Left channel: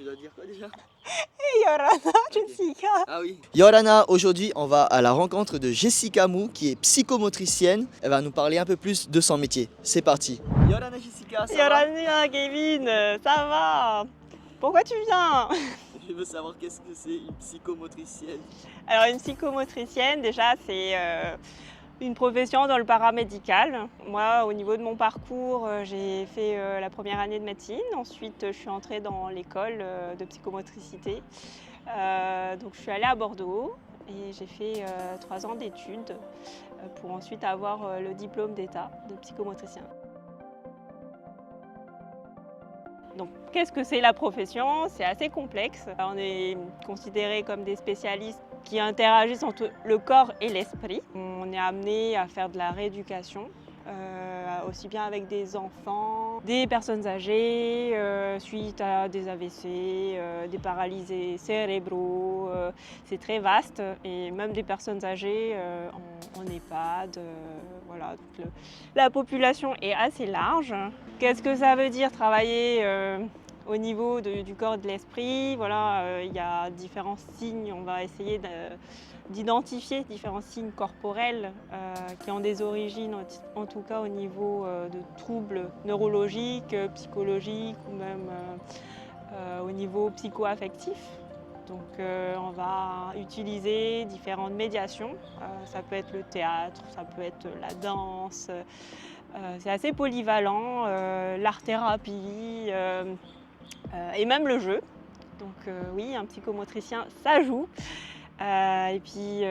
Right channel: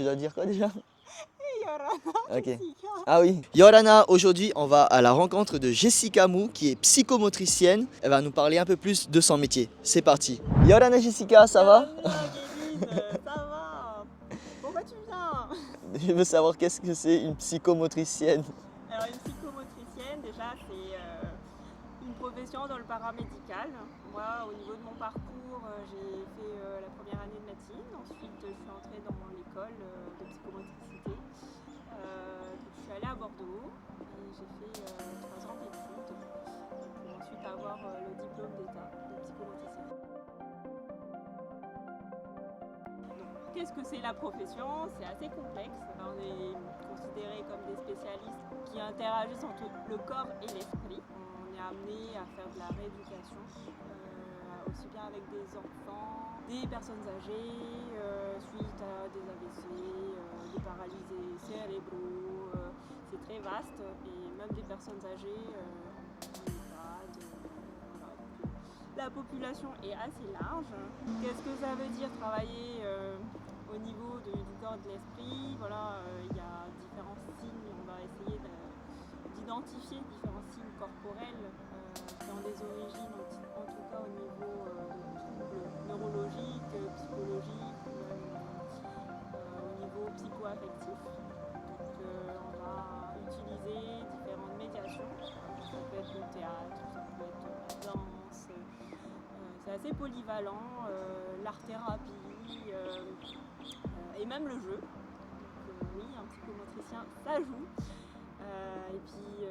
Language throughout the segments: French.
Tu dois dire quoi déjà? Yorana, Ok. Jessica. Ah oui. Yorana, aujourd'hui, on va à la rencontre de Jessica Mou, qui est psychomotricienne. Elle va nous parler un peu plus de son métier. C'est parti. Yorana Jessica, ça va? Yorana, Kevin, ça va? Pourquoi tu viens? Je veux savoir qu'est-ce que c'est une psychomotricienne. Alors une psychomotricienne, déjà c'est une profession dans le paramédical. Moi, au niveau de mon parcours, j'ai fait la première année de médecine. Ensuite, je suis entrée dans l'école de psychomotricité. Donc je suis allée à Bordeaux et j'ai fait 3 ans d'études pour ensuite avoir le diplôme d'état de psychomotricien. Donc, qu'est-ce que c'est la profession? C'est assez complexe. On est considérés comme des spécialistes qui interagissent entre le corps et l'esprit. On est amené à faire de la rééducation, aussi bien avec des enfants, des personnes âgées, suite à des AVC, des paralysés cérébraux. C'est très vaste et même des personnes âgées en EHPAD. Voilà, la population est assez large. Qu'est-ce que ça veut dire travailler au niveau du corps et de l'esprit? Voilà, il y a différents signes. On va essayer d'identifier différents signes corporels qui ont des origines, en tout cas au niveau de troubles neurologiques, psychologiques ou même au niveau psycho-affectif. Donc on va utiliser différentes médiations. Ça peut être le théâtre, ça peut être la danse. C'est assez polyvalent, l'art-thérapie et même le jeu. Donc oui, un psychomotricien, ça joue. Et puis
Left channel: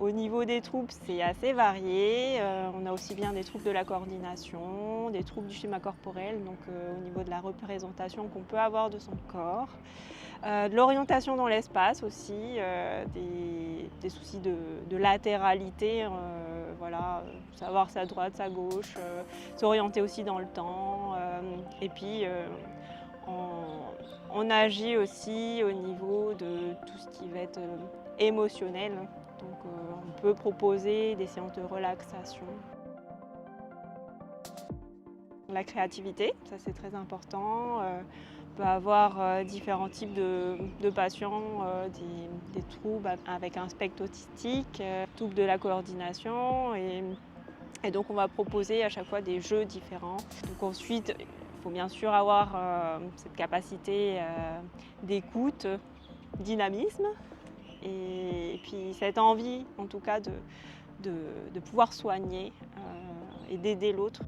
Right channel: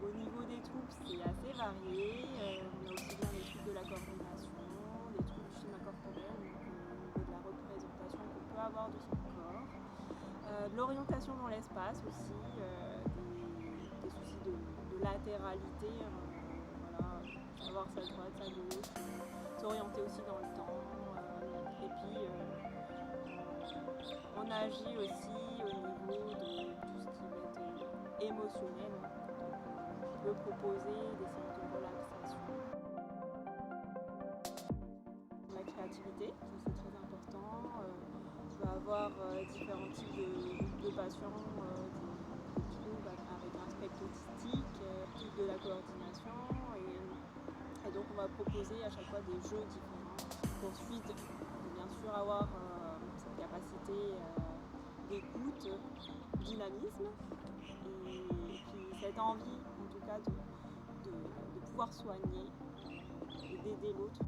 au niveau des troubles, c'est assez varié. On a aussi bien des troubles de la coordination, des troubles du schéma corporel, donc au niveau de la représentation qu'on peut avoir de son corps. De l'orientation dans l'espace aussi, des soucis de latéralité, voilà, savoir sa droite, sa gauche, s'orienter aussi dans le temps. Et puis on agit aussi au niveau de tout ce qui va être émotionnel. Donc on peut proposer des séances de relaxation. La créativité, ça c'est très important. On peut avoir différents types de patients, des troubles avec un spectre autistique, troubles de la coordination. Et donc on va proposer à chaque fois des jeux différents. Donc ensuite, il faut bien sûr avoir cette capacité d'écoute, dynamisme et puis cette envie en tout cas de pouvoir soigner et d'aider l'autre.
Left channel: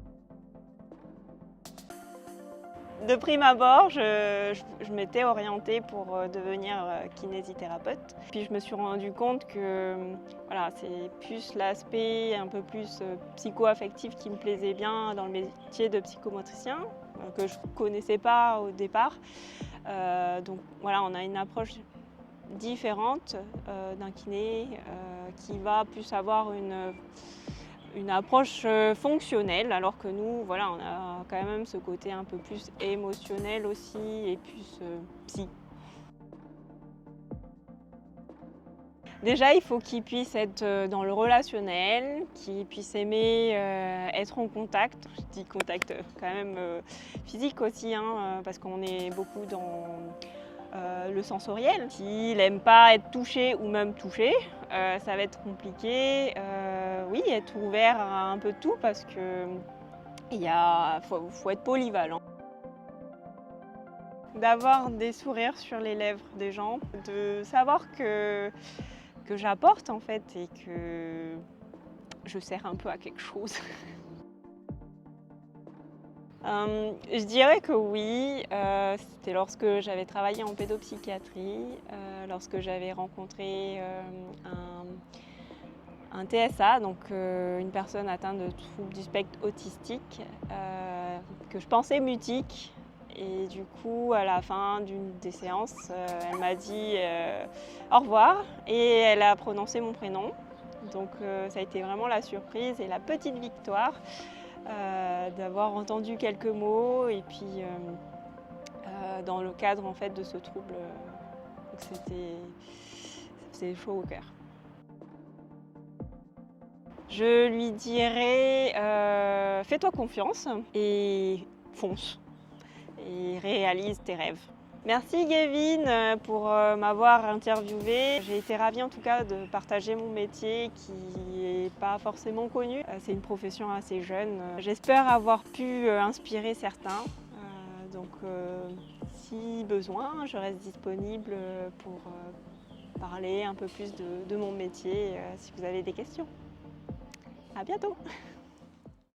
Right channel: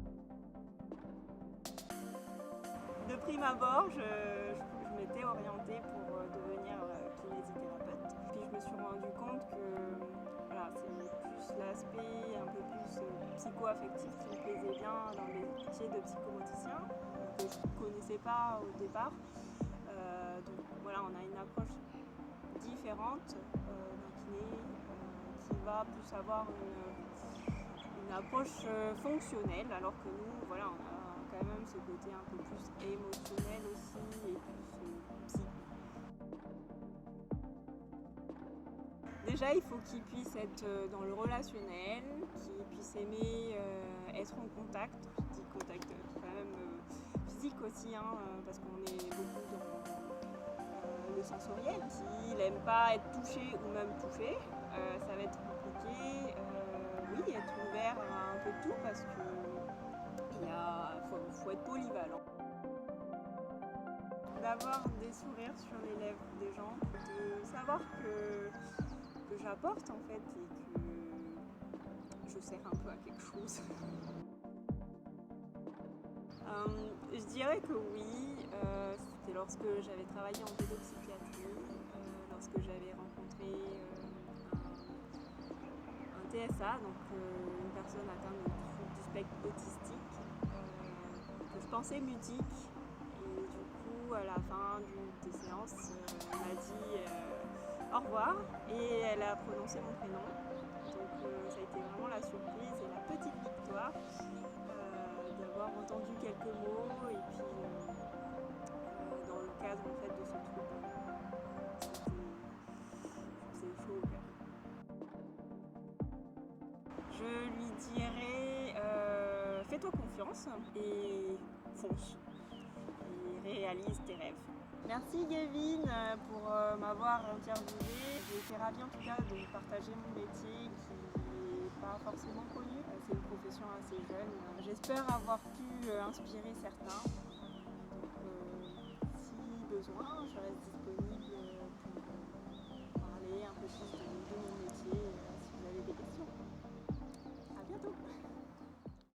De prime abord, je m'étais orientée pour devenir kinésithérapeute. Puis je me suis rendu compte que voilà, c'est plus l'aspect un peu plus psycho-affectif qui me plaisait bien dans le métier de psychomotricien, que je ne connaissais pas au départ. Donc voilà, on a une approche différente d'un kiné qui va plus avoir une approche fonctionnelle, alors que nous, voilà, on a quand même ce côté un peu plus émotionnel aussi et plus psy. Déjà, il faut qu'il puisse être dans le relationnel, qu'il puisse aimer être en contact. Je dis contact quand même physique aussi, hein, parce qu'on est beaucoup dans le sensoriel. S'il n'aime pas être touché ou même touché, ça va être compliqué. Oui, être ouvert à un peu tout parce que faut être polyvalent. D'avoir des sourires sur les lèvres des gens, de savoir que j'apporte en fait et que je sers un peu à quelque chose. Je dirais que oui, c'était lorsque j'avais travaillé en pédopsychiatrie, lorsque j'avais rencontré un TSA, donc une personne atteinte de troubles du spectre autistique, que je pensais mutique. Et du coup, à la fin d'une des séances, elle m'a dit au revoir et elle a prononcé mon prénom. Donc ça a été vraiment la surprise et la petite victoire d'avoir entendu quelques mots et puis dans le cadre en fait de ce trouble, c'était chaud au cœur. Je lui dirais fais-toi confiance et fonce et réalise tes rêves. Merci Gavin pour m'avoir interviewé. J'ai été ravie en tout cas de partager mon métier qui n'est pas forcément connu. C'est une profession assez jeune. J'espère avoir pu inspirer certains. Donc si besoin, je reste disponible pour parler un peu plus de mon métier si vous avez des questions. À bientôt!